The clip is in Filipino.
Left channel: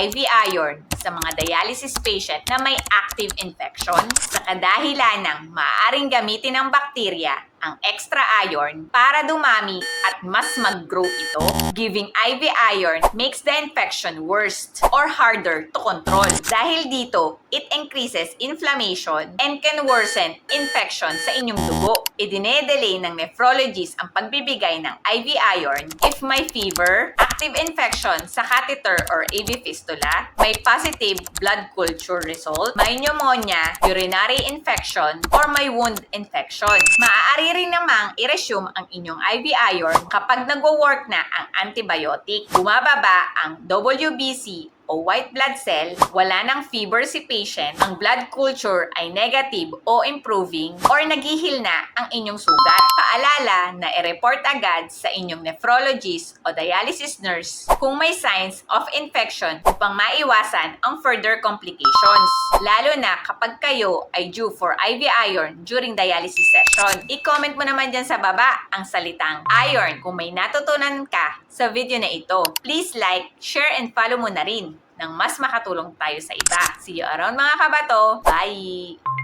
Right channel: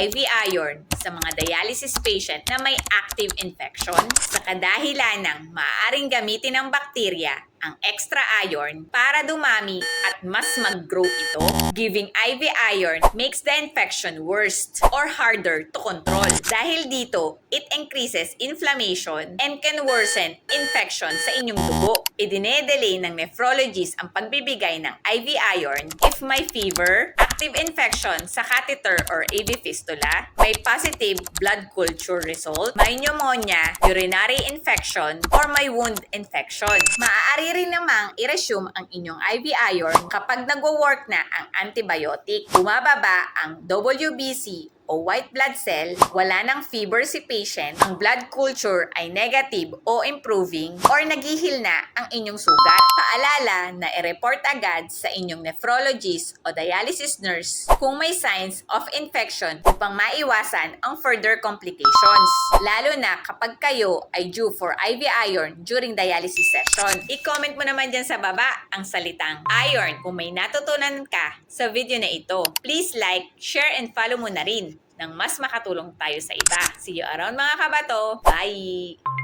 IV iron sa mga dialysis patient na may active infection sa kadahilan ng maaaring gamitin ng bakterya ang extra iron para dumami at mas mag-grow ito. Giving IV iron makes the infection worse or harder to control. Dahil dito, it increases inflammation and can worsen infection sa inyong dugo. Idine-delay ng nephrologist ang pagbibigay ng IV iron if may fever, active infection sa catheter or AV fistula, may positive blood culture result, may pneumonia, urinary infection, or may wound infection. Maaari rin namang i-resume ang inyong IV iron kapag nagwo-work na ang antibiotic. Bumababa ang WBC o white blood cell, wala ng fever si patient, ang blood culture ay negative o improving, or naghihil na ang inyong sugat. Paalala na i-report agad sa inyong nephrologist o dialysis nurse kung may signs of infection upang maiwasan ang further complications, lalo na kapag kayo ay due for IV iron during dialysis session. I-comment mo naman dyan sa baba ang salitang iron kung may natutunan ka sa video na ito. Please like, share, and follow mo na rin nang mas makatulong tayo sa iba. See you around mga kabato. Bye!